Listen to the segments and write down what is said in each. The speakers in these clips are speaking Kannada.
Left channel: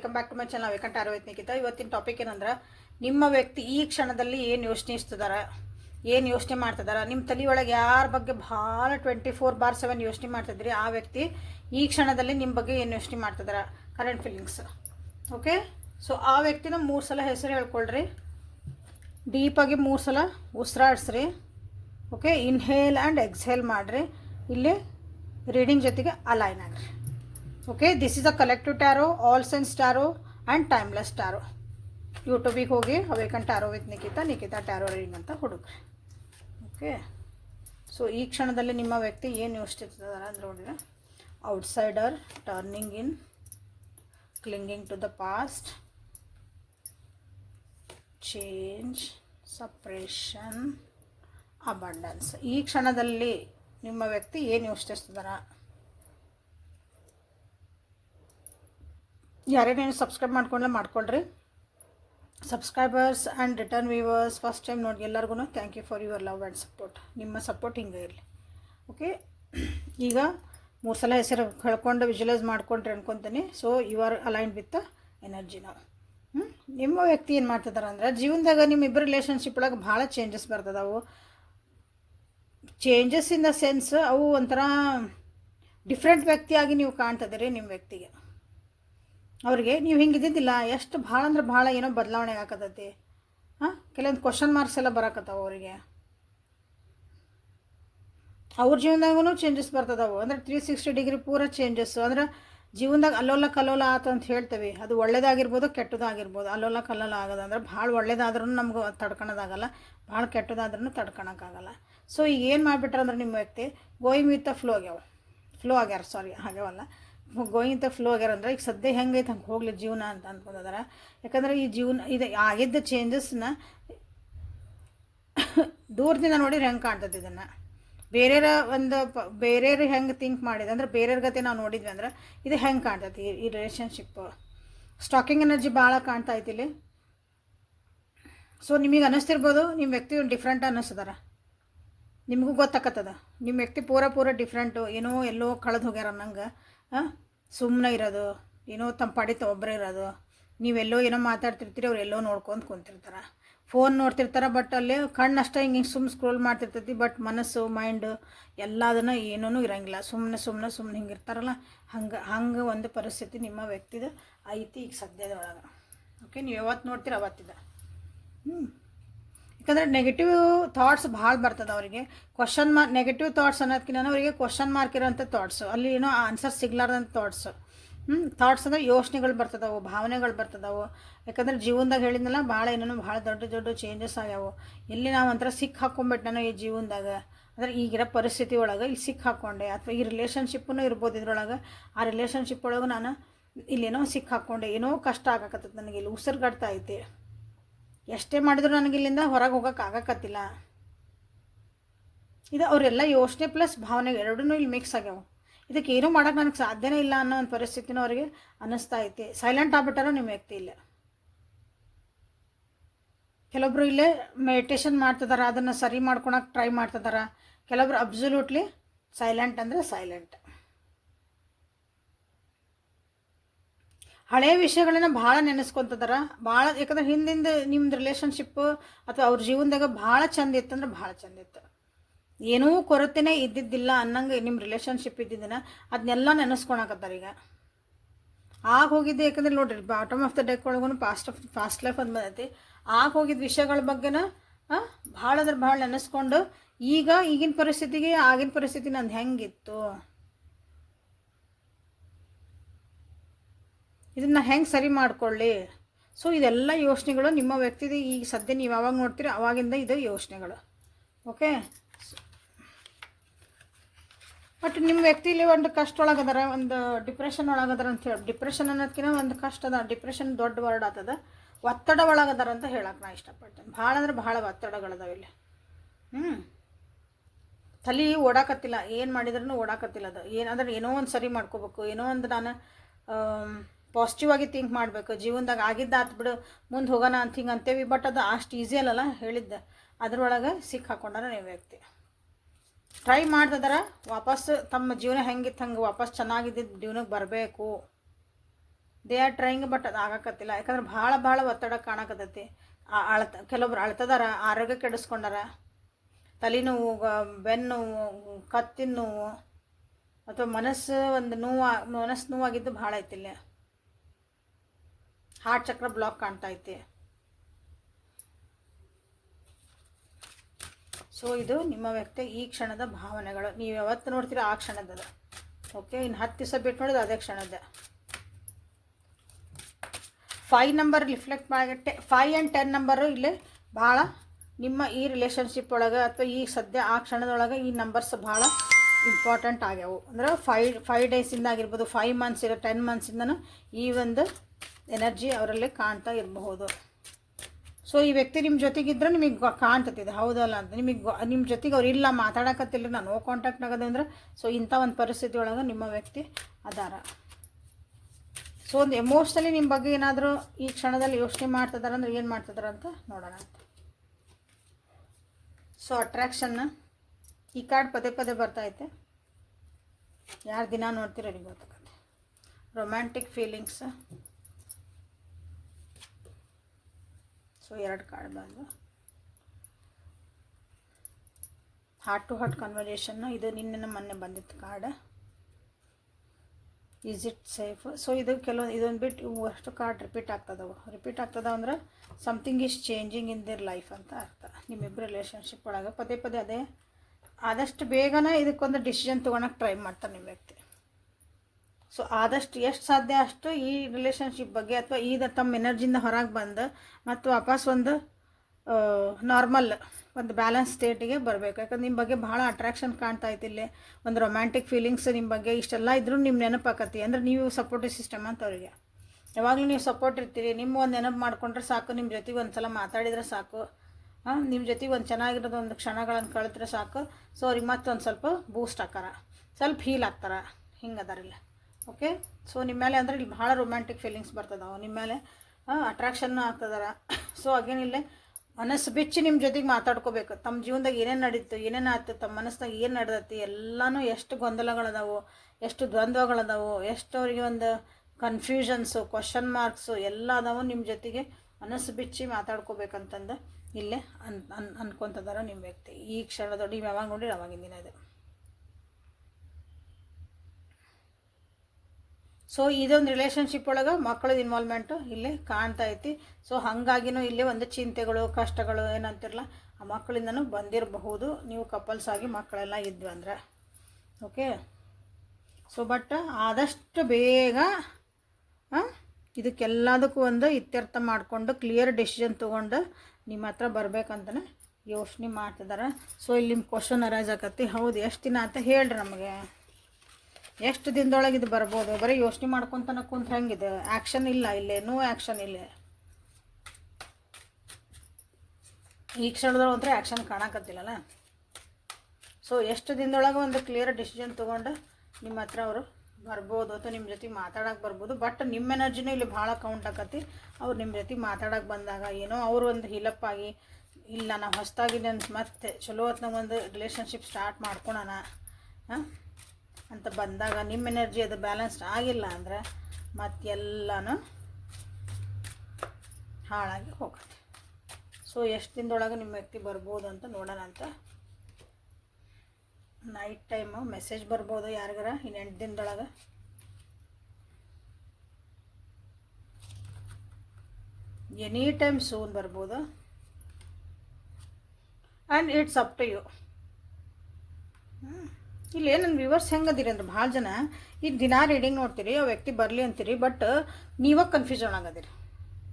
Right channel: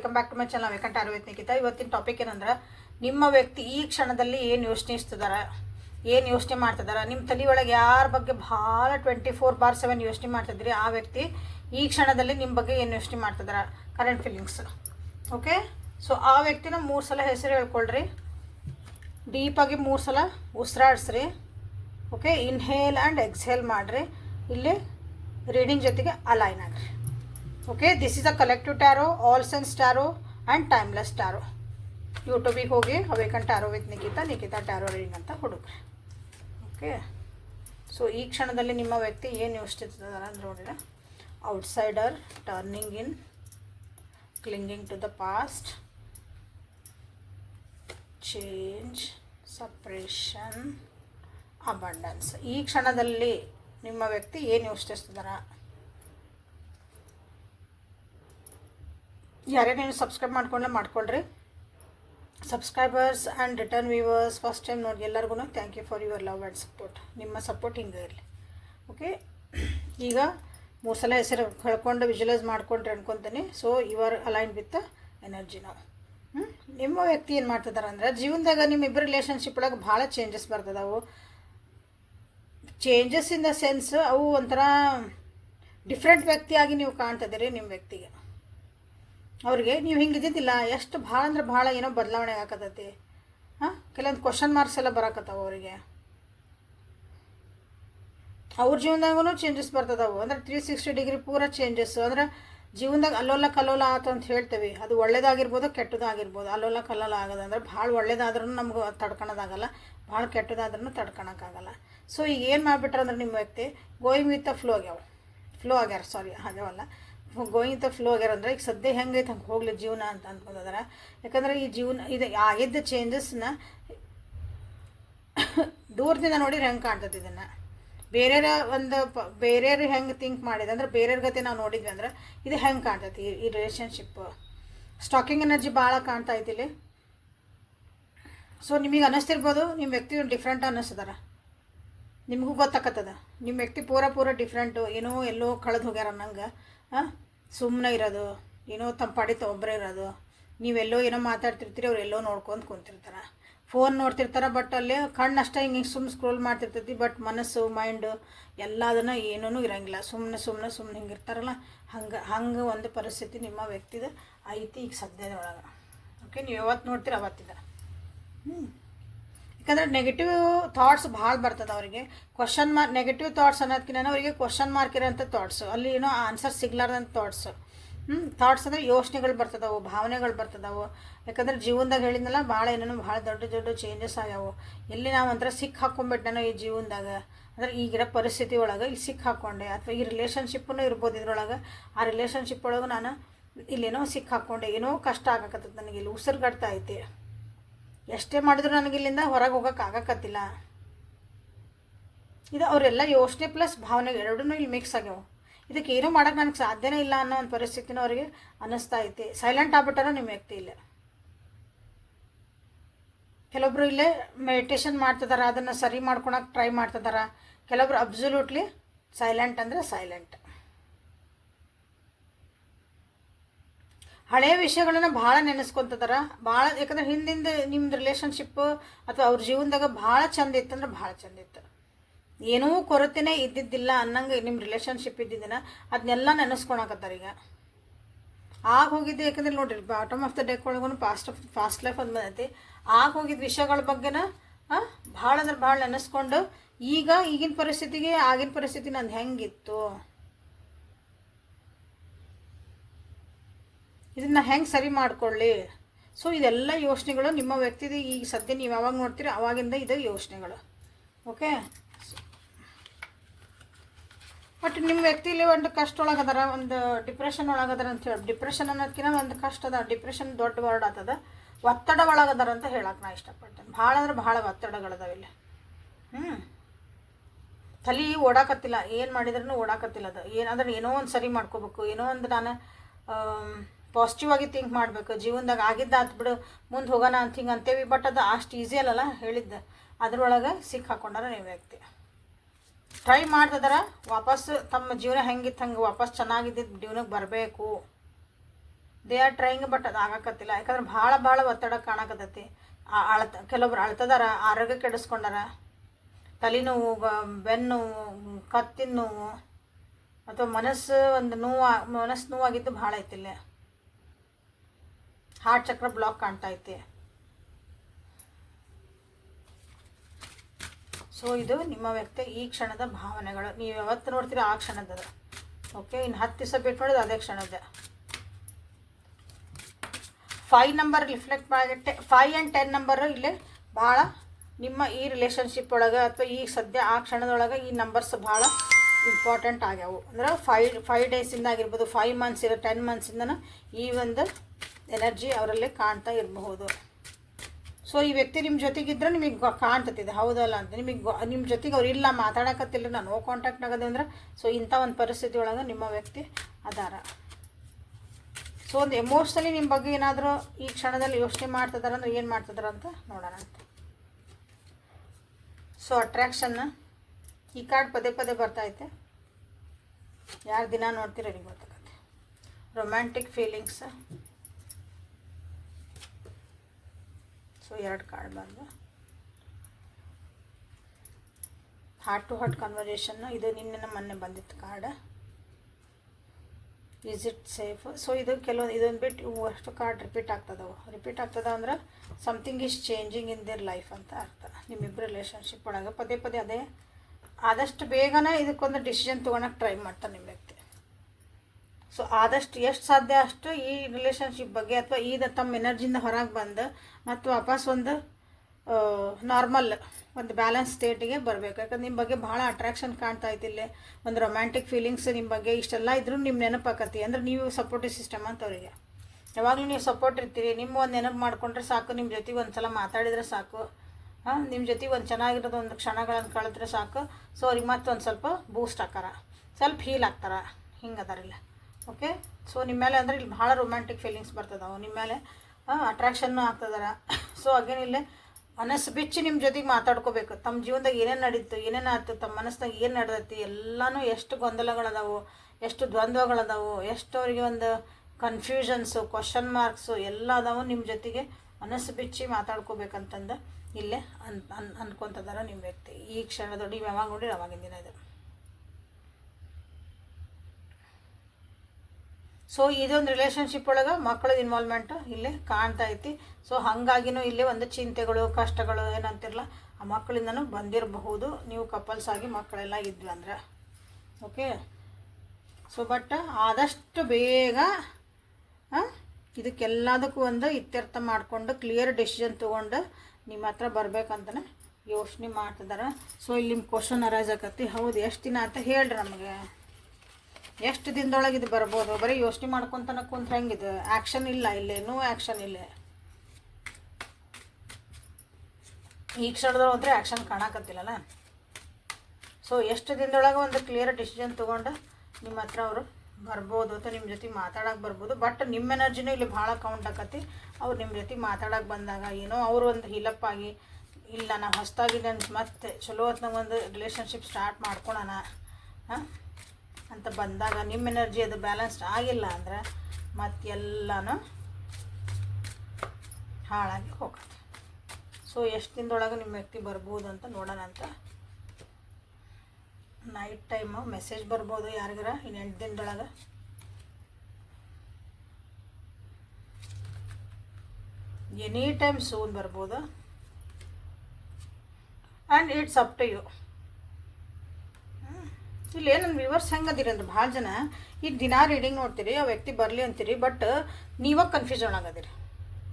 Welcome back to my channel ವೇಕಂಠ ಆಯುರ್ವೇದ ನಿಖಿತ. ಇವತ್ತಿನ ಟಾಪಿಕ್ ಏನಂದ್ರೆ, ನಿಮ್ಮ ವ್ಯಕ್ತಿ ಈ ಕ್ಷಣದಲ್ಲಿ ಏನು ಯೋಚನಿಸ್ತಿದಾರ, ಏನು ಯೋಚನೆ ಮಾಡ್ತಿದಾರ, ನಿಮ್ಮ ತಲೆ ಒಳಗೆ ಯಾರ ಬಗ್ಗೆ ಭಾಳ 24/7 ಯೋಚನೆ ಮಾಡ್ತಿದ್ರಿ, ಆ ವ್ಯಕ್ತಿ ಈ ಕ್ಷಣದಲ್ಲಿ ನಿಮ್ಮ ಬಗ್ಗೆ ಏನು ಯೋಚನೆ ಮಾಡ್ತಿದಾರ, ಕರೆಂಟ್ ಫೀಲಿಂಗ್ಸ್. ಓಕೆ, ಸೊ ಆ ವ್ಯಕ್ತಿನ 3 ಸಲ ಹೆಸರು ಹೇಳ್ಕೊಳ್ರಿ, ಡೀಪಾಗಿ 3 ಸಲ ಉಸಿರಾಡಿಸ್ರಿ. ಓಕೆ, ಇನ್ಹೇಲ್ ಆ್ಯಂಡ್ ಎಕ್ಸ್ಹೇಲ್ ಮಾಡಿರಿ. ಇಲ್ಲಿ ರೀಡಿಂಗ್ ಜೊತೆಗೆ ಅಲೈನ್ ಆಗ್ರಿ. Okay, this is a collective tarot, all sense tarot and timeless tarot. ಯೂಟ್ಯೂಬಿಗೆ ಹೋಗಿ awaken tarot with Nikhita tarot reading ಅಂತ ಹುಡುಕ್ರಿ. ಓಕೆ, ಸೊ ಈ ಕ್ಷಣದಲ್ಲಿ ನಿಮ್ಮ ವ್ಯಕ್ತಿ ಏನು ಯೋಚಿಸ್ತಿದ್ದಾರೆ ಅಂದ್ರೆ ನೋಡಿದ್ರೆ, outsider, turning in, clinging to the past, change, suppression, abundance. ಈ ಕ್ಷಣದಲ್ಲಿ ನಿಮ್ಮ ವ್ಯಕ್ತಿ ಏನು ಯೋಚಿಸ್ತಿದ್ದಾರೆ. ಯಾರೇನೇನು ಸಬ್ಸ್ಕ್ರೈಬ್ ಮಾಡ್ಕೊಳ್ರಿ. Subscribers and return viewers, first time ನೋಡಿ ಎಲ್ಲರಿಗೂ thank you for your love and support. ನಿಮ್ಮ ಸಪೋರ್ಟ್ ಹಿಂಗೆ ಇರಲಿ. ಓಕೆ, ಈಗ 3 ಸಲ ಹೆಸರು ಹೇಳ್ಕೊಂಡು ವಿಜುವಲೈಸ್ ಮಾಡ್ಕೊಂಡ್ರೆ ಅನ್ಕೊತೀನಿ. So you are align with energy ನಾವು. ನಿಮ್ಮ ವ್ಯಕ್ತಿ ಏನು ಮಾಡ್ತಿದ್ದಾರೆ ಅಂದ್ರೆ, ಜೀವನದಾಗ ನಿಮ್ಮಿಬ್ಬರು ರಿಲೇಷನ್ಶಿಪ್ ಒಳಗೆ ಭಾಳ ಚೇಂಜಸ್ ಬರ್ತದವು. ಚೇಂಜಸ್ ಇನ್ ದ ಸೆನ್ಸ್ ಅವು ಒಂಥರ ಡಿಫ್ರೆಂಟ್ ವ್ಯಕ್ತಿಯಾಗಿ ನೀವು ಕಾಣ್ತಿದ್ದೀರಿ. ನಿಮ್ಮ ವ್ಯಕ್ತಿಗೆ ಅವ್ರಿಗೆ ನೀವು ಹಿಂಗೆ ಇದ್ದಿದ್ದಿಲ್ಲ, ಎಷ್ಟು ಭಾಳ ಅಂದ್ರೆ ಭಾಳ ಏನೋ ಬದಲಾವಣೆ ಆಗತೈತಿ. ಕೆಲವೊಂದು ಕ್ವಶನ್ ಮಾರ್ಕ್ಸ್ ಎಲ್ಲ ಬರಕತ್ತಾವ ಅವರಿಗೆ. ಅವ್ರ ಜೀವನದಾಗೂ ಚೇಂಜಸ್ ಬರ್ತದವು. ಅಂದ್ರೆ 360 ಡಿಗ್ರಿ ಪೂರ ಚೇಂಜಸ್. ಅಂದ್ರೆ ಜೀವನದಾಗ ಅಲ್ಲೋಲ ಕಲ್ಲೋಲ ಆತ ಅಂತ ಹೇಳ್ತೇವೆ. ಅದು ಒಳ್ಳೇದಾಗಿರ್ಬೋದು, ಕೆಟ್ಟದಾಗಿರ್ಬೋದು. ಅಲ್ಲೋಲ ಕಲ್ಲೋಲ ಆಗೋದು ಅಂದ್ರೆ ಭಾಳ ಒಳ್ಳೇದಾದ್ರೂ ನಮ್ಗೆ ತಡ್ಕೊಳೋದಾಗಲ್ಲ, ಭಾಳ ಕೆಟ್ಟದಾದ್ರೂ ತಡ್ಕೊಳಕ್ಕಾಗಲ್ಲ. ಸೊ ಈಗ ಏನು ಮಾಡಿಬಿಟ್ರೆ ಅಂದ್ರೆ, ನಿಮ್ಮ ವ್ಯಕ್ತಿ ಗೋಯಿಂಗ್ ವಿತ್ ದ ಫ್ಲೋ ಆಗ್ಯಾರ, ಹಾಗೆವಲ್ಲ, ಗೋಯಿಂಗ್ ವಿತ್ ದ ಫ್ಲೋ ಆಗ್ಯಾರ. ಅಂದ್ರೆ ಈಗ ಸದ್ಯ ಹೆಂಗೈತೆ ಹಂಗೆ ಹೋಗ್ಲಿ ಜೀವನ ಅಂತ ಅನ್ಕೋದಾರ. ಯಾಕಂದ್ರೆ ಈ ಜೀವನ ಇದು ಆಗಿದ್ದ ಚೇಂಜಸ್ನ ದೂರದಿಂದ ನೋಡಿದ್ರೆ ಹೆಂಗೆ ಕಾಣ್ತದೆ. ಇದನ್ನು ಬೇರೆಯವ್ರು ಹೆಂಗೆ ಥಿಂಕ್ ಮಾಡಿದೆ ಅಂದ್ರೆ, ಬೇರೆಯವ್ರ ಗತೆ ನಾವು ನೋಡಿದ್ವಿ ಅಂದ್ರೆ ಇದು ಹೆಂಗೆ ಕಾಣ್ತೈತಿ ಈ ರಿಲೇಷನ್ಶಿಪ್. ಸ್ಟಾಕಿಂಗ್ ಎನರ್ಜಿ ಭಾಳ ಕಾಣ್ತಾ ಐತಿ ಇಲ್ಲಿ. ಸೊ ನಿಮಗೆ ಅನ್ನಿಸ್ತಿರ್ಬೋದು ನಿಮ್ಮ ವ್ಯಕ್ತಿ ಡಿಫ್ರೆಂಟ್ ಅನ್ನಿಸ್ತದಾರ. ನಿಮಗೂ ಗೊತ್ತಾಗತ್ತದ ನಿಮ್ಮ ವ್ಯಕ್ತಿ ಪೂರ ಡಿಫ್ರೆಂಟು, ಏನೋ ಎಲ್ಲೋ ಕಳೆದು ಹೋಗ್ಯಾರ ಅನ್ನಂಗೆ. ಸುಮ್ಮನೆ ಇರೋದು, ಏನೋ ತಂಪಾಡಿ ಒಬ್ಬರೇ ಇರೋದು. ನೀವೆಲ್ಲೋ ಏನೋ ಮಾತಾಡ್ತಿರ್ತೀರಿ, ಅವ್ರು ಎಲ್ಲೋ ನೋಡ್ಕೊಂಡು ಕುಂತಿರ್ತಾರೆ. ಫೋನ್ ನೋಡ್ತಿರ್ತಾರೆ, ಬಟ್ ಅಲ್ಲೇ ಕಣ್ಣು ಅಷ್ಟೇ ಹಿಂಗೆ ಸ್ಕ್ರೋಲ್ ಮಾಡ್ತಿರ್ತೈತಿ. ಬಟ್ ಮನಸ್ಸು, ಮೈಂಡು ಎಲ್ಲದನ್ನು ಏನೂ ಇರೋಂಗಿಲ್ಲ. ಸುಮ್ಮನೆ ಹಿಂಗೆ ಇರ್ತಾರಲ್ಲ, ಹಂಗೆ ಒಂದು ಪರಿಸ್ಥಿತಿ ನಿಮ್ಮ ವ್ಯಕ್ತಿದ ಐತಿ ಈಗ ಸದ್ಯದೊಳಗೆ. ಓಕೆ, ನೀವು ಯಾವತ್ತು ನೋಡ್ತೀರ ಅವತ್ತಿದ. ಯಾಕಂದರೆ ನೆಗೆಟಿವ್ ಥಾಟ್ಸ್ ಭಾಳ ಬರ್ತದೆ ಅವರಿಗೆ. ನೆಗೆಟಿವ್ ಥಾಟ್ಸ್ ಅನ್ನೋದಕ್ಕಿಂತ ಅವರಿಗೆ ಕ್ವಶನ್ ಮಾರ್ಕ್ ಇರೋಂಥ ಥಾಟ್ಸು, ಅಲ್ಲಿ ಏನೋ ಆನ್ಸರ್ ಸಿಗ್ಲಾರ್ದಂಥ ಥಾಟ್ಸು. ಥಾಟ್ಸ್ ಅಂದರೆ ಯೋಚನೆಗಳು ಬರ್ತದವು, ಭಾವನೆಗಳು ಬರ್ತದವು. ಯಾಕಂದರೆ ಜೀವನದಾಗ ಹೇಳಿದ್ನಲ್ಲ, ಭಾಳ ಏನೋ ಭಾಳ ದೊಡ್ಡ ಚೇಂಜಸ್ ಆಗ್ಯಾವು. ಎಲ್ಲಿ ನಾವು ಒಂಥರ ಸಿಕ್ಕಿ ಹಾಕ್ಕೊಂಬಿಟ್ಟು ನಾನು ಈ ಜೀವನದಾಗ, ಅಂದರೆ ಈಗಿರೋ ಪರಿಸ್ಥಿತಿ ಒಳಗೆ ಇಲ್ಲಿ ಸಿಕ್ಕಿ ಹಾಕ್ಕೊಂಡೆ. ಅಥವಾ ಈ ರಿಲೇಷನ್ಶಿಪ್ಪೂ ಇರ್ಬೋದು ಇದ್ರೊಳಗೆ. ಆ ರಿಲೇಷನ್ಶಿಪ್ ಒಳಗೆ ನಾನು ಇಲ್ಲೇನೋ ಸಿಕ್ಕಿ ಹಾಕ್ಕೊಂಡೆ, ಏನೋ ಕಷ್ಟ ಆಗಕತ್ತದ ನನಗೆ, ಇಲ್ಲಿ ಉಸಿರುಗಡ್ತಾ ಐತಿ. ಎಷ್ಟೇ ಮಾಡಿದ್ರು ನನಗೆ ಇಲ್ಲಿಂದ ಹೊರಗೆ ಹೋಗೋಕೆ ಆಗಕತ್ತಿಲ್ಲ. ಇದು ಅವರೆಲ್ಲ ಯೋಚನೆ ಪ್ಲಸ್ ಭಾವನೆ ಎರಡೂ ಇಲ್ಲಿ ಮಿಕ್ಸ್ ಆಗ್ಯಾವ. ಇದಕ್ಕೆ ಏನೂ ಮಾಡೋಕೆ ನನಗೆ ಸಾಧ್ಯನೇ ಇಲ್ಲ ಅನ್ನೋ ಒಂದು ಪರಿಸ್ಥಿತಿನ ಅವರಿಗೆ ಅನ್ನಿಸ್ತಾ ಐತಿ. ಸೈಲೆಂಟ್ ಆಗ್ಬಿಟ್ಟಾರೋ ನಿಮ್ಮ ವ್ಯಕ್ತಿ ಇಲ್ಲ. ಕೆಲವೊಬ್ರು ಇಲ್ಲೇ ಮೆಡಿಟೇಷನ್ ಮಾಡ್ತಿದಾರ, ಅದನ್ನು ಸರಿ ಮಾಡ್ಕೊಳಕ್ಕೆ ಟ್ರೈ ಮಾಡ್ತಿದಾರ. ಕೆಲವೊಬ್ರು ಅಬ್ಸಲ್ಯೂಟ್ಲಿ ಸೈಲೆಂಟ್ ಅಂದರೆ ಸೈಲೆಂಟ್. ಹಳೆಯ ವಿಷಯಗಳನ್ನ ಭಾಳ ನೆನೆಸ್ಕೊತಿದಾರ, ಭಾಳ. ಯಾಕಂದ್ರೆ ಹಿಂದಿಂದ ನಿಮ್ದು ರಿಲೇಷನ್ಶಿಪ್ಪು ಅಥವಾ ಅವ್ರ ಜೀವನದಾಗ ಭಾಳ ಚಂದ ಇತ್ತು ಅಂದ್ರೆ ಭಾಳ ಚಂದ ಇತ್ತು. ಏನೂ ಕೊರತೆನೇ ಇದ್ದಿದ್ದಿಲ್ಲ ಅನ್ನಂಗೆ ನಿಮ್ಮ ರಿಲೇಷನ್ಶಿಪ್ ಇದ್ದಿದ್ದನ ಅದನ್ನೆಲ್ಲ ನೆನೆಸ್ಕೊಳಕತ್ತಾರ ಈಗ. ಆಗ ಹೋಗಿದ್ದೆ, ಯಾಕಂದ್ರೆ ನೋಡ್ರಿ, ಬಾಟಮ್ ಆಫ್ ದ ಡೆಕ್ ಒಳಗೂ ಫಾಸ್ಟ್ ಲೈಫ್ ಅಂತ ಬಂದೈತಿ. ಆಗ ಹೋಗಿದ್ದ ವಿಷಯಗಳ ಬಗ್ಗೆನ ಭಾಳ ಅಂದ್ರೆ ಭಾಳ ನೆನೆಸ್ಕೊಂಡು ಈಗಿನ ಪರಿಸ್ಥಿತಿಗೆ ಆಗಿನ ಪರಿಸ್ಥಿತಿ ನಂದು ಹೆಂಗಿತ್ತು, ಇದನ್ನು ಹೆಂಗೆ ಸರಿ ಮಾಡ್ಕೊಳ್ಳಿ. ಸೊ ಇದೆಲ್ಲ ಯೋಚನೆಗಳು ನಿಮ್ಮ ವ್ಯಕ್ತಿದ ಈಗ ಸದ್ಯ ನೀವು ಯಾವಾಗ ನೋಡ್ತೀರಿ ಅವಾಗಿಂದ ಇದು ಯೋಚನೆಗಳು. ಓಕೆ, ಬಟ್ ನಿಮ್ಮ ವ್ಯಕ್ತಿಲಿ ಒಂದು ಕಷ್ಟ ಒಳಗದಾರ, ಒಂದು ಡಿಪ್ರೆಷನ್ ಒಳಗದಾರ ಅಂತ ಹೇಳಿ. ಡಿಪ್ರೆಷನ್ ಅನ್ನೋದಕ್ಕಿಂತ ಒಂದು ಕಷ್ಟ ಅದ. ಡಿಪ್ರೆಷನ್ ದೊಡ್ಡ ವರ್ಡ್ ಆಗ್ತದ. ಒತ್ತಡ ಒಳಗದಾರ ಅಂತ ಹೇಳಕ್ಕೆ ನಾ ಇಷ್ಟಪಡ್ತೇನೆ. ಭಾಳ ಅಂದ್ರೆ ಭಾಳ ಒತ್ತಡಗಳದಾವಿಲ್ಲ. ತಲೆ ಓಡಾಕತ್ತಿಲ್ಲ, ಏನು ಮಾಡಿದ್ರೂ ಓಡಾಕತ್ತಿಲ್ಲ. ಅದು ಏನಾದ್ರೆ ಏನೋ ಒಂದು ಸರಿ ಮಾಡ್ಕೋಬೇಕು, ಏನೋ ಒಂದು ನಾನು ಪಾಸಿಟಿವ್ ಆಗಿ ಥಿಂಕ್ ಮಾಡಬೇಕು. ಜೀವನದಾಗ ಆಗಿದ್ದ ಆತು ಬಿಡು, ಮುಂದೆ ಹೋಗೋಣ ಅಂತ ಹಿಂಗೆ ಅಂತೇವಿ. ಬಟ್ ಅದು ಅಷ್ಟು ಈಸಿ ಅಲ್ಲಲ್ಲ ಹೇಳಿದ್ದೆ. ಅದ್ರೊಳಗೆ ಸಿಕ್ಕಿ ಹಾಕೊಂಡಾರ ನಿಮ್ಮ ವ್ಯಕ್ತಿ. ಟ್ರೈ ಮಾಡ್ತಿದಾರ ವಾಪಸ್ ತಮ್ಮ ಜೀವನ ಹೆಂಗಿತ್ತು ಹಂಗೆ ವಾಪಸ್ ಚೆನ್ನಾಗಿದ್ದಿದ್ದು ಜೀವನಕ್ಕೆ ಬರಬೇಕು. ದೇ ಆರ್ ಟ್ರೈಂಗ್, ಬಟ್ ಅದು ಆಗಕತ್ತಿಲ್ಲ. ಯಾಕಂದ್ರೆ ಭಾಳ ಒತ್ತಡ ಕಾಣಕತ್ತೈತಿ. ಕೆಲವೊಬ್ರು ಅಳ್ತದಾರ, ಆರೋಗ್ಯ ಕೆಡಿಸ್ಕೊಂಡಾರ, ತಲೆನೋವು, ಬೆನ್ನೋವು, ಕತ್ತಿನ ನೋವು, ಅಥವಾ ಮನಸ್ಸು ನೋವಾಗಿದ್ದು ಭಾಳ ಐತಿಲ್ಲ. ಹಾರ್ಟ್ ಚಕ್ರ ಬ್ಲಾಕ್ ಕಾಣ್ತಾ ಐತಿ. ಸೊ ಇದು ನಿಮ್ಮ ವ್ಯಕ್ತಿ ಈ ಕ್ಷಣದ ಭಾವನೆಗಳು. ನೀವು ಯಾವತ್ತು ನೋಡ್ತೀರಿ ಆ ಕ್ಷಣದ. ಓಕೆ, ಇನ್ನು 10 ದಿವಸ ಬಿಟ್ಟು ನೋಡಿದ್ರೆ ಅದೇ ಕ್ಷಣದ. 5 ನಂಬರ್ ರಿಫ್ಲೆಕ್ಟ್ ಮಾಡಿ. 5 and 10 ನಂಬರು ಇಲ್ಲೇ ಭಾಳ ನಿಮ್ಮ ಈ ರಿಲೇಷನ್ಶಿಪ್ ಒಳಗೆ ಅಥವಾ ಈ ಸದ್ಯ ಆ ಕ್ಷಣದೊಳಗೆ ಈ ನಂಬರ್ಸ್ ಭಾಳ ಇಂಪಾರ್ಟೆಂಟ್ ಆಗ್ಯಾವು. ಅಂದ್ರೆ 5 ಡೇಸಿಂದ ಆಗಿರ್ಬೋದು, 5 ಮಂತ್ಸ್ 10 ಮಂತ್ಸಿಂದನೂ ಈ ಒಂದು ಎನರ್ಜಿ ಅವರಲ್ಲೇ ಕಾಣ್ತಾ ಇರಬಹುದು. ಸೊ ಈ ವ್ಯಕ್ತಿ ನಿಮ್ಮ ಜೊತೆಗಿದ್ರೆ ನಿಮಗೆ ಕಾಣ್ತತಿದೆ, ಹೌದಲ್ಲ ಅಂತ. ನಿಮ್ಮ ಜೊತೆಗೆ ಅವ್ರು ಇಲ್ಲ, ಮಾತಾಡಕತ್ತಿಲ್ಲ, ನಾನು ನೋ ಕಾಂಟ್ಯಾಕ್ಟ್ ಆಗೋದೆ ಅಂದ್ರೆ, ಸೊ ಇಂಥ ಒಂದು ಪರಿಸ್ಥಿತಿ ಒಳಗೆ ನಿಮ್ಮ ವ್ಯಕ್ತಿ ಅದಾರ. ಸೊ ಒಂದು ಎಮೋಷ್ನಲಿ ನಿಮ್ಮ ಬಗ್ಗೆ ಏನಾದರೂ ಈ ಕ್ಷಣದಲ್ಲಿ ಯೋಚನೆ ಮಾಡ್ತಿದಾರೆ ಅಂದ್ರೆ ಏನು ಮಾಡ್ತಿದಾರೆ ಅಂತ ನೋಡೋಣ ಅಂತ. ಸೊ ಅಟ್ರಾಕ್ಷನ್ನ ಈ ಕಾರ್ಡ್ ಪದೇ ಬರ್ತೈತೆ. ಯಾರು ದಿನ ನೋಡ್ತೀರ ನಿಮ್ಗೆ ಗೊತ್ತಾಗತ್ತೆ. Romantic feelings. ಸೊ 2 ಕಾರ್ಡ್ ಬಂದು ಹಾರ್ಟ್ ಟು ಹಾರ್ಟ್ ಕನ್ವರ್ಸೇಷನ್. ಇದು ನಿನ್ನೆ ಮೊನ್ನೆ ಬಂದಿತ್ತು card. Is it safe? So ಇದು ಇದೊಂದು ಬಿಟ್ಟು ಇವು ಅಷ್ಟು ಕಾರ್ಡ್ ರಿಪೀಟ್ ಆಗ್ತದ ಅಂದ್ರೆ something is changing in their life ಅಂತ ಅರ್ಥ. ನಿಮ್ಮಿಬ್ಬರು ರಿಲೇಷನ್ಶಿಪ್ ಒಳಗೆ ಪದೇ ಅದೇ ಆದಷ್ಟು ಬೇಗನೆ ಇದಕ್ಕೊಂದು ಡಿಸಿಷನ್ ತೊಗೊಳಕ್ಕೆ ಟ್ರೈ ಮಾಡ್ತಾರೆ ನಿಮ್ಮ ವ್ಯಕ್ತಿ. ಸೊ ಆದಷ್ಟು ಎಷ್ಟು ಸಾಧ್ಯ ಅಷ್ಟು ಈ ರಿಲೇಷನ್ಶಿಪ್ ಬಗ್ಗೆ ಅಥವಾ ತಮ್ಮ ಎನರ್ಜಿಯಿಂದ ಹೊರಗೆ ಬಂದು ಮತ್ತು ವಾಪಸ್ ಒಂದು ನಾರ್ಮಲ್ ಒಂದು ಬ್ಯಾಲೆನ್ಸ್ ಸ್ಟೇಟಿಗೆ ಬರಬೇಕು. ಯಾಕಂದ್ರೆ ನಿಮ್ಮ ಬಗ್ಗೆ ಭಾಳ ಅಟ್ರಾಕ್ಷನ್ ಕಾಣ್ತಾ ಐತಿಲ್ಲಿ. ಒಂದು ರೊಮ್ಯಾಂಟಿಕ್ ಫೀಲಿಂಗ್ಸ್ ನಿಮ್ಮ ಬಗ್ಗೆ ಇಷ್ಟೆಲ್ಲ ಇದ್ರೂ ನಿಮ್ಮ ನೆನಪಾಕತಿ. ಅಂದ್ರೆ ನೀವು ಸಪೋರ್ಟಿವ್ ಸಿಸ್ಟಮ್ ಅಂತ ಅವರಿಗೆ ಯಾವಾಗಲೂ ನೀವು ಸಪೋರ್ಟ್ ಇರ್ತೀರಿ. ನಿಮ್ಮ ಒಂದು ನೆನಪು ಮಾಡ್ಕೊಂಡ್ರೆ ಸಾಕು, ನಿಮ್ಮ ಜೊತೆಗೆ ಒಂದು ಸಲ ಮಾತಾಡಿದ್ರೆ ಸಾಕು, ನಿಮ್ಮ ಜೊತೆಗೆ ಒಂದು ಚೆನ್ನಾಗಿರೋದು ಒಂದು ಕ್ಷಣಗಳನ್ನು ಕಳೆದ್ರೆ ಸಾಕು. ಸೊ ಅವ್ರಿಗೆ ಮತ್ತೊಂದು ಸ್ವಲ್ಪ ಬೂಸ್ಟ್ ಹಾಕಾರ, ಸ್ವಲ್ಪ ಹೀಲ್ ಆಗ್ತಾರೆ, ಹಿಂಗೆ ಅದಾರಿಲ್ಲ. ಓಕೆ, ಸೊ ನಿಮ್ಮ ಮೇಲೆ ಅಂದರೆ ಇಲ್ಲಿ ಭಾಳ ರೊಮ್ಯಾಂಟಿಕ್ ಫೀಲಿಂಗ್ಸ್ ಬರ್ತದವು, ನಿಮ್ಮ ಮೇಲೆ ಅಟ್ರಾಕ್ಷನ್ನು ಆಗ್ತದಾರ. ಸೊ ಅಗೇನಿಲ್ಲೇ ಮನಸ್ಸು ಬಿಚ್ಚಿ ನಿಮ್ಮ ಜೊತೆಗೆ ಮಾತಾಡ್ಕೋಬೇಕು. ತಮ್ಮ ಜೀವನದಾಗ ಏನೇನು ನಡೀತು, ಏನೇನಾಯ್ತು, ತಮ್ಮ ಮನಸ್ಸಿನಾಗ ಏನು ನಡೆದೈತಿ ಎಲ್ಲನೂ, ಎಷ್ಟು ಗೊಂದಲಗಳದಾವು, ಎಷ್ಟು ದ್ವಂದ್ವಗಳದಾವು, ಎಷ್ಟು ಅವರಿಗೆ ಒಂದು ಕನ್ಫ್ಯೂಷನ್ಸು, ಕ್ವಶನ್ ಮಾರ್ಕ್ಸು ಎಲ್ಲ ಅದಾವು. ನಿಮ್ಮ ಜೊತೆಗೆ ಮನಸ್ಸು ಬಿಚ್ಚಿ ಮಾತಾಡ್ಕೋಬೇಕಂತಂದು ಇಲ್ಲೇ ಅನ್ಕೊತದಾರ ನಿಮ್ಮ ವ್ಯಕ್ತಿ ಈ ಕ್ಷಣದೊಡಿ. ಯಾವಾಗ ನೋಡಿರಿ ಅವಾಗಿನ ದಿನ ಇದು. ಸೊ ಇದೊಂದು ರಿಲೇಷನ್ಶಿಪ್ ಒಳಗೆ ಮಕ್ಕಳದ ಇನ್ವಾಲ್ವ್ಮೆಂಟು ಇಲ್ಲೇ ಕಾಣ್ತಾ ಐತಿ. ಸೊ ಹಾಗಾಗಿನೂ ಇಲ್ಲಿ ಒಂದು ಚಿಂತೆಗಳು, ಕಷ್ಟಗಳು ಏನಂತಿರಲ್ಲ ಆ ಮಕ್ಕಳಿಂದನೂ ಬಂದಿರಬಹುದು. ನೀವು ಕಪಲ್ಸ್ ಆಗಿ ಮಕ್ಕಳೆಲ್ಲ ಇದ್ವಿ ಅಂದ್ರೆ. ಓಕೆ, ಸೊ ಬಟ್ ಆದಷ್ಟು ಬೇಗ ಇದಕ್ಕೆಲ್ಲದಕ್ಕೂ ಒಂದು ಇತ್ಯರ್ಥ ಮಾಡಿಕೊಂಡು ಕ್ಲಿಯರ್ ಡಿಸಿಷನ್ ತೊಗೊಂಡು ನಿಮ್ಮ ಹತ್ರ ಬರ್ಬೇಕಂತನೇ ಯೋಚನೆ ಮಾಡ್ತಿದ್ದಾರೆ. ಸೊ ಇಲ್ಲಿ ನಿಮ್ಮ ಕ್ವಶನ್ ಅರೈಸ್ ಆಕತಿ, ಹೌದು ಎಷ್ಟು ದಿನ ಅಂತ ಹೇಳ್ರಿ ನಮಗೆ, ಎಷ್ಟು ದಿನದೊಳಗೆ ಇದು ಬರ್ಬೋದು? ಬರೀ ಯೋಚನೆ ಮಾಡ್ಕೊತಾನೆ ಕುಂತ್ರೆ ಹೆಂಗಿದೆ? ಆ್ಯಕ್ಷನ್ ಇಲ್ಲ ಇಲ್ಲೇ, ನೋ ಆ್ಯಕ್ಷನ್ ಇಲ್ಲೇ. ಈ ಕ್ಷಣದೊಳಗೆ ಅಂದರೆ ಆ್ಯಕ್ಷನ್ ಕಾಣಕತ್ತಿಲ್ಲಲ್ಲ. ಸೊ ಎಷ್ಟು ದಿನದೊಳಗೆ ಒಂದು ಕ್ಲಿಯರ್ ಡಿಸಿಷನ್ ತೊಗೊಂಡು ನಿಮ್ಮ ಹತ್ರ ಅವರು ಬರ್ಬೋದು ಅಥವಾ ನಿಮ್ಮ ಜೊತೆಗೆ ಮಾತಾಡೋಕೆ ಬರ್ಬೋದು. ಬಟ್ ನಿಮ್ಮ ಎನರ್ಜಿನೂ ಇಲ್ಲಿ ಭಾಳ ಕೌಂಟ್ ಆಕತಿ. ಅವ್ರು ನಿಮ್ಮ ಜೊತೆಗೆ ಮಾತಾಡೋಕೆ ಬಂದಾಗ ಏನೋ ಅವರು ಒಂದು ಹೀಲಪ್ ಆಗಿ, ಇಲ್ಲ ನಾವು ಹೊಸದಾಗಿ ನಾನು ಮತ್ತೆ ಚಲೋ ಹೊತ್ನಾಗ ಒಂದು ರಿಲೇಷನ್ಶಿಪ್ ಸ್ಟಾರ್ಟ್ ಮಾಡ್ಕೊಳೋಣ ಅಂತ ಬಂದಾಗ ನಿಮ್ಮ ಎನರ್ಜಿ ಅದು ಬ್ಯಾಲೆನ್ಸ್ಡ್ ಆಗಿಲ್ಲ ಅಂದರೆ ಮತ್ತೆಲ್ಲನೂ ಹಾಳಾಗಿ ಹೋಗುತ್ತೆ. ಸೊ ಎಷ್ಟು ದಿನದೊಳಗೆ ನಿಮ್ಮ ವ್ಯಕ್ತಿ ಬರ್ಬೋದು ಅಂತ ನೋಡೋಣ ಅಂತ. ನೈಟ್ ಟೈಮು ಮೆಸೇಜ್ ಬರ್ಬೋದು ಯಾರಿಗಾರ ಇನ್ನು 8 ದಿನದೊಳಗೆ. ಎನಿ ಟೈಮ್ ಸೂನ್ ಬರ್ಬೋದು. And it's up to you. ಇಲ್ಲಿ ನನ್ನ ವ್ಯೂವರ್ಸ್ ಹೆಂಗದಿರಿ ಅಂದ್ರೆ ಭಾಳ ಜನ ಈಗ ದಿನ ರೀಡಿಂಗ್ ನೋಡ್ತೀರಿ, ಆ ವ್ಯಕ್ತಿ ಬರಲಿ ಅಂತೀರಿ, ಬಟ್ ನೀವಾಗ ಕನ್ಫ್ಯೂಷನ್ ಆಗದಿರಿ.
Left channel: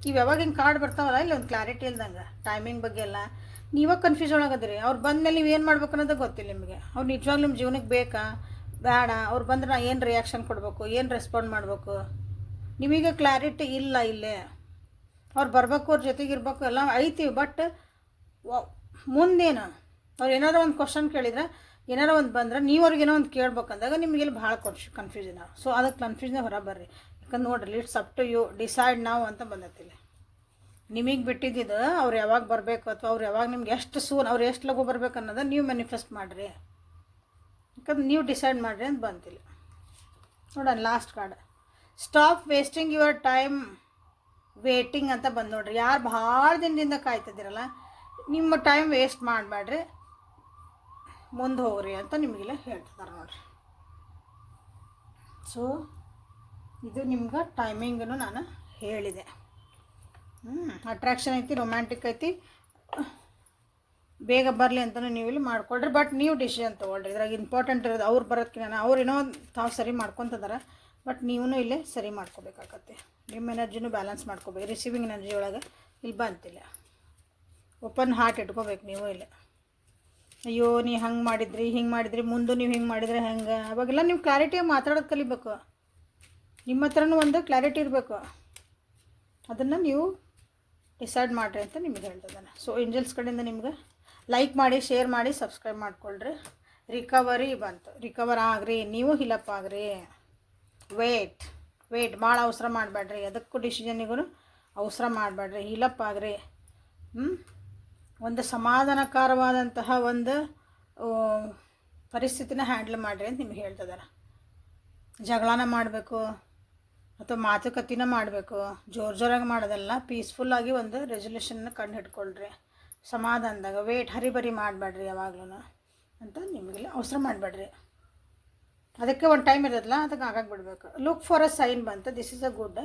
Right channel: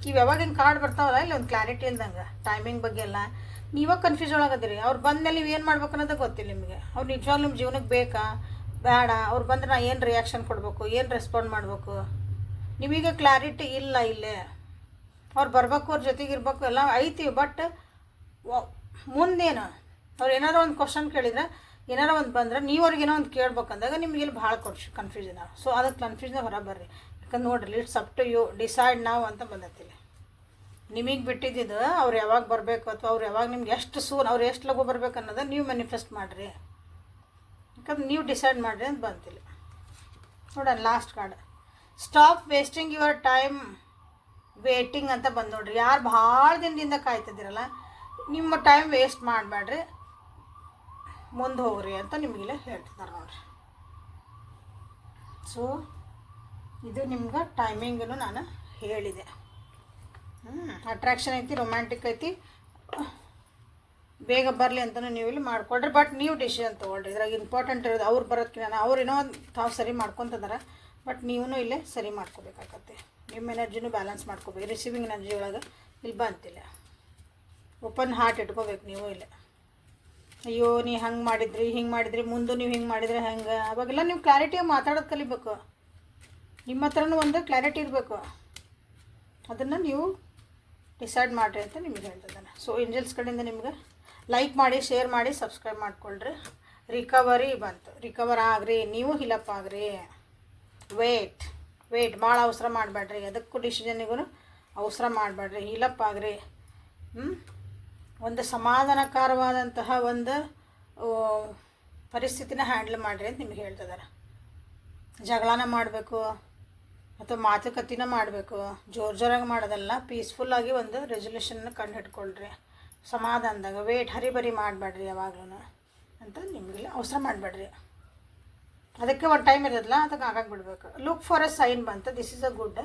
ಇವು ಯಾವಾಗ ಹಿಂಗೆ ಕಾರ್ಡ್ ಬರ್ತಾವಲ್ಲ ಇಲ್ಲಿ ಒಂದು ಕ್ಲಾರಿಟಿ ಅಂದಂಗೆ ಟೈಮಿಂಗ್ ಬಗ್ಗೆ ಎಲ್ಲ ನೀವಾಗ ಕನ್ಫ್ಯೂಷನ್ ಆಗದಿರಿ. ಅವ್ರು ಬಂದಮೇಲೆ ನೀವು ಏನು ಮಾಡ್ಬೇಕು ಅನ್ನೋದು ಗೊತ್ತಿಲ್ಲ ನಿಮಗೆ. ಅವ್ರು ನಿಜವಾಗ್ಲೂ ನಿಮ್ಮ ಜೀವನಕ್ಕೆ ಬೇಕಾ ಬೇಡ, ಅವ್ರು ಬಂದ್ರೆ ನಾ ಏನು ರಿಯಾಕ್ಷನ್ ಕೊಡಬೇಕು, ಏನು ರೆಸ್ಪಾಂಡ್ ಮಾಡಬೇಕು, ನಿಮಗೆ ಕ್ಲಾರಿಟಿ ಇಲ್ಲ ಇಲ್ಲೇ. ಅವ್ರು ಬರಬೇಕು, ಅವ್ರ ಜೊತೆಗೆ ಇರಬೇಕು ಎಲ್ಲ ಐತಿ. ಬಟ್ ಮುಂದೇನು ಅವ್ರು ಏನಾರೋ ಒಂದು ಕ್ವಶನ್ ಕೇಳಿದರೆ, ಏನಾರೋ ಒಂದು ಬಂದರೆ ನೀವು ಅವ್ರಿಗೇನೋ ಒಂದು ಕೇಳ್ಬೇಕಂದಾಗ ನಿಮ್ಗೆ ಇಲ್ಲಿ ಭಾಳ ಕನ್ಫ್ಯೂಷನ್. ಸೊ ಅದಕ್ಕೆ ಕನ್ಫ್ಯೂಷನ್ ಹೊರ ಬರ್ರಿ. ಯಾಕಂದ್ರೆ ನೋಡ್ರಿ, it's up to you, decide ನಾವು ಅಂತ ಬಂದೈತಿಲ್ಲ. ನಿಮಗೆ ಬಿಟ್ಟಿದ್ದು ಅವ್ರು ಯಾವಾಗ ಬರಬೇಕು ಅಥವಾ ಅವ್ರು ಯಾವಾಗ ನಿಮ್ಗೆ ಎಷ್ಟು ಸೂನ್, ಅವ್ರು ಎಷ್ಟು ಲಘು ಬರ್ಬೇಕು ಅನ್ನೋದು ನೀವು ಮ್ಯಾನಿಫೆಸ್ಟ್ ಮಾಡಿರಿ. ಯಾಕಂದ್ರೆ ನೀವು ಡಿಸೈಡ್ ಮಾಡಿರಿ ಅಂತ ಬಂತಿಲ್ಲ. ನೋಡೋಣ last card. Stop wasting your time waiting ಅಂತ ಬಂದು ನೋಡ್ರಿ. ಯಾರು ಭಾಳ ದಿನದಿಂದ ಕಾಯ್ತಿದ್ದೀರಲ್ಲ, ನಿಮ್ಮ ಟೈಮ್ ವೇಸ್ಟ್ ಮಾಡಬೇಡ್ರಿ, ಮುಂದೆ ಹೋಗ್ರಿ ಅಂತ ನಿಮಗಿಲ್ಲ ಹೇಳ್ತಿದ್ದಾರೆ ನೋಡ್ರಿ. ಸೊ ಇದು ನಿಮ್ಗೆ ಟೈಮಿಂಗನ್ನು ನಾನು ಹೇಳಿದೆ. ಅಟ್ರಾಕ್ಷನ್ ಐತಿ, ರೊಮ್ಯಾಂಟಿಕ್ ಐತಿ, ಬೇಗ ಬರಲಿ ಅಂತಲೂ ನೀವು ಇಲ್ಲಿ ಮಾಡ್ಕೊಳ್ರಿ. ಬಟ್ ನೀವು ಡಿಸಿಷನ್ ತೊಗೊಳ್ರಿ. ಇದ್ರಾಗ ಇಂಪಾರ್ಟೆಂಟ್ ಇರೋದು ಅವ್ರು ಬರೋದಕ್ಕೆ ಅವ್ರು ಏನೋ ತಾವು ಸರಿ ಮಾಡ್ಕೊತಿದ್ದಾರೆ, ಬಟ್ ನೀವು ಇಲ್ಲೇ ಸರಿ ಮಾಡ್ಕೋಬೇಕಾಗತ್ತೆ. ನಿಮ್ಮ ಎನರ್ಜಿನೂ ಬ್ಯಾಲೆನ್ಸ್ ಮಾಡ್ಕೋಬೇಕು. ರಿಸೀವಿಂಗ್ ಎನರ್ಜಿ ಒಳಗೆ ಇಲ್ಲಿ ಬಂತಿಲ್ಲ. ಓಪನ್ ಹಾರ್ಟ್ ಇಟ್ಕೋಬೇಕು ನೀವು ಇಲ್ಲಿ. ಅಯ್ಯೋ ನೀ ಹಂಗೆ ಮಾಡಿದ್ರಿ, ಹಿಂಗೆ ಮಾಡಿದ್ರಿ, ಮುಂದೆ ನೀವು ಹಿಂಗೆ ಮಾಡಿದ್ರೆ ಹೆಂಗೆ, ಅವಾಗೆಲ್ಲ ನೀವು ಕ್ಲಾರಿಟಿಯಾಗಿ ಮಾತಾಡೋದು ಕಲಿಬೇಕು. ನಿಮ್ಮ ಹತ್ರನೂ ಒಂದು ಕ್ಲಾರಿಟಿ ಇರಬೇಕು. ಅದನ್ನು ನೀವು ಡಿಸೈಡ್ ಮಾಡಿರಿ ಅಂತ ನಿಮಗೆ ಹೇಳ್ತಿದ್ದಾನೆ. ಸೊ ಏಂಜಲ್ಸ್ ಕಡೆಯಿಂದ ನಿಮ್ಗೆ ಲೈಕ್ ಮಾಡಿ, ಶೇರ್ ಮಾಡಿ, ಸಬ್ಸ್ಕ್ರೈಬ್ ಮಾಡ್ಕೊಳ್ರಿ. ರಿಕವರಿ ಬಂತು. ರಿಕವರ್ ಆಗ್ರಿ, ನೀವು ಹಿಲಪ್ ಆಗ್ರಿ. ವೇಟ್ ಭಾಳ ಅವಸರ ಮಾಡಬೇಡ್ರಿ. ಅದಕ್ಕೂ ಡಿಸಿಷನ್ನಿಗೂ ಅವಸರ ಮಾಡಬೇಡ್ರಿ. ಹಿಲಪ್ ಆಗ್ರಿ. ಒಂದು ಸಮಾಧಾನಕರವಾದಂತಹ ಒಂದು ಪರಿಸ್ಥಿತಿನ ಹ್ಯಾಂಡಲ್ ಮಾಡಿರಿ ಅಂತ ನಿಮ್ಗೆ ಹೇಳ್ತಿದ್ದಾರೆ. ಜಗಳನ ಮಾಡಬೇಕು ಅಥವಾ ಮಾತುಕತೆನ ಮಾಡಬೇಕು, ಜೋರಾಗಿ ಮಾಡೋದಲ್ಲ, ಪೀಸ್ಫುಲ್ಲಾಗಿ ಒಂದು ರೆಸೊಲ್ಯೂಷನ್ನ ಕಂಡು ಹಿಡ್ಕೊಳ್ರಿ. ಸಮಾಧಾನದಾಗ ಹರಿಬರಿ ಮಾಡಬೇಡ್ರಿ ಯಾವಾಗಲೂ ಅಂತ ನಿಮಗೆಲ್ಲ ಅವಸರ ಮಾಡಬೇಡ್ರಿ. ಅದಕ್ಕೆ ಒಂದು ಟೈಮ್ ಇರೋದಿಲ್ಲ, ಅದಕ್ಕೆ ಆಗಾಗ ಬಿಡಬೇಕು. ಲುಕ್ ಫಾರ್ ಅ ಸೈನ್ ಬಂತು. This is a good.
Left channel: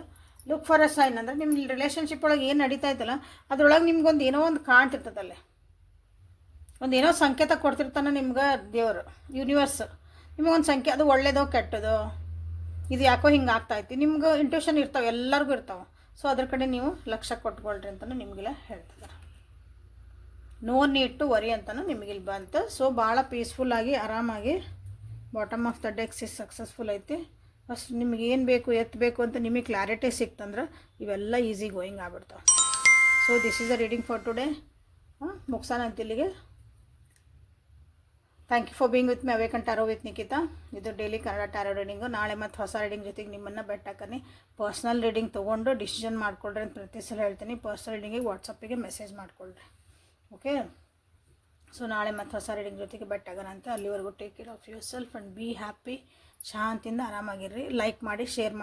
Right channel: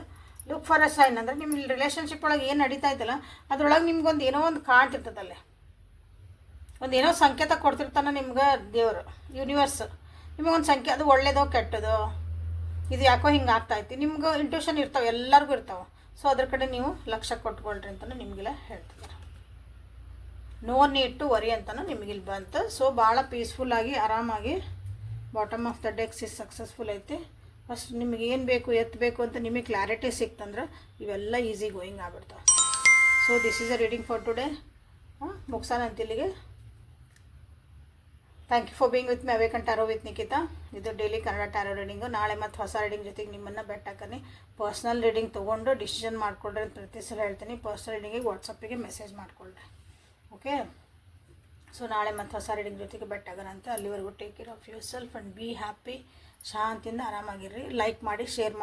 Look for a sign ಅಂದರೆ ನಿಮ್ಮ ರಿಲೇಷನ್ಶಿಪ್ ಒಳಗೆ ಏನು ನಡೀತಾ ಇತ್ತಲ್ಲ ಅದ್ರೊಳಗೆ ನಿಮ್ಗೊಂದು ಏನೋ ಒಂದು ಕಾಣ್ತಿರ್ತದಲ್ಲೇ, ಒಂದು ಏನೋ ಸಂಕೇತ ಕೊಡ್ತಿರ್ತಾನೆ ನಿಮ್ಗೆ ದೇವರು, ಯೂನಿವರ್ಸ್ ನಿಮಗೊಂದು ಸಂಖ್ಯೆ, ಅದು ಒಳ್ಳೇದೋ ಕೆಟ್ಟದೋ, ಇದು ಯಾಕೋ ಹಿಂಗೆ ಆಗ್ತಾಯಿತ್ತು, ನಿಮ್ಗೆ ಇಂಟ್ಯೂಷನ್ ಇರ್ತಾವೆ, ಎಲ್ಲರಿಗೂ ಇರ್ತಾವೆ. ಸೊ ಅದ್ರ ಕಡೆ ನೀವು ಲಕ್ಷ್ಯ ಕೊಟ್ಕೊಳ್ರಿ ಅಂತಲೂ ನಿಮಗೆಲ್ಲ ಹೇಳ್ತಿದ್ದಾರೆ. ನೋ ನೀಡ್ ಟು ವರಿ ಅಂತಲೂ ನಿಮಗಿಲ್ಲಿ ಬಂತು. ಸೊ ಭಾಳ ಪೀಸ್ಫುಲ್ಲಾಗಿ ಆರಾಮಾಗಿ bottom of the decks is successful ಐತಿ. ಫಸ್ಟ್ ನಿಮ್ಗೆ ಏನು ಬೇಕು ಎತ್ತಬೇಕು ಅಂತ ನಿಮಗೆ ಕ್ಲಾರಿಟಿ ಸಿಕ್ತಂದ್ರೆ ಇವೆಲ್ಲ ಈಸಿ ಗೋಯಿಂಗ್ ಆಗ್ಬಿಡ್ತಾವೆ. So this is a reading for today. ಮುಗ್ಸಾನ ಅಂತ ಇಲ್ಲಿಗೆ. Thank you for being with my awaken tarot with Nikhita. ಇದು ಡೈಲಿ ಕನ್ನಡ ಟ್ಯಾರೋ ರೀಡಿಂಗು. ನಾಳೆ ಮತ್ತು ಹೊಸ ರೀಡಿಂಗ್ ಜೊತೆಗೆ ನಿಮ್ಮನ್ನು ಬೆಟ್ಟಾಕನಿ. ಪರ್ಸ್ನಲ್ ರೀಡಿಂಗ್ ತೊಗೊಂಡು ಡಿಸಿಷನ್ ಮಾಡಿಕೊಡ್ರಿ ಅಂತ ಪ್ರತಿ ಸಲ ಹೇಳ್ತೀನಿ. ಪರ್ಸ್ನಲ್ ರೀಡಿಂಗಿಗೆ ವಾಟ್ಸಪ್ಪಿಗೆ ಮೆಸೇಜ್ ಮಾಡಿಕೊಳ್ರಿ. ಓಕೆ. ಸೊ ನಾಳೆ ಮತ್ತು ಹೊಸ ರೀಡಿಂಗ್ ಜೊತೆಗೆ ಬೆಟ್ಟಾಗೋಣ ಅಂತ. ಅಲ್ಲಿವರೆಗೂ take care of yourself and be happy. ಶಾಂತಿಯಿಂದ ಆರಾಮಾಗಿರ್ರಿ. ಲೈಕ್ ಮಾಡಿ, ಶೇರ್ ಮಾಡಿ.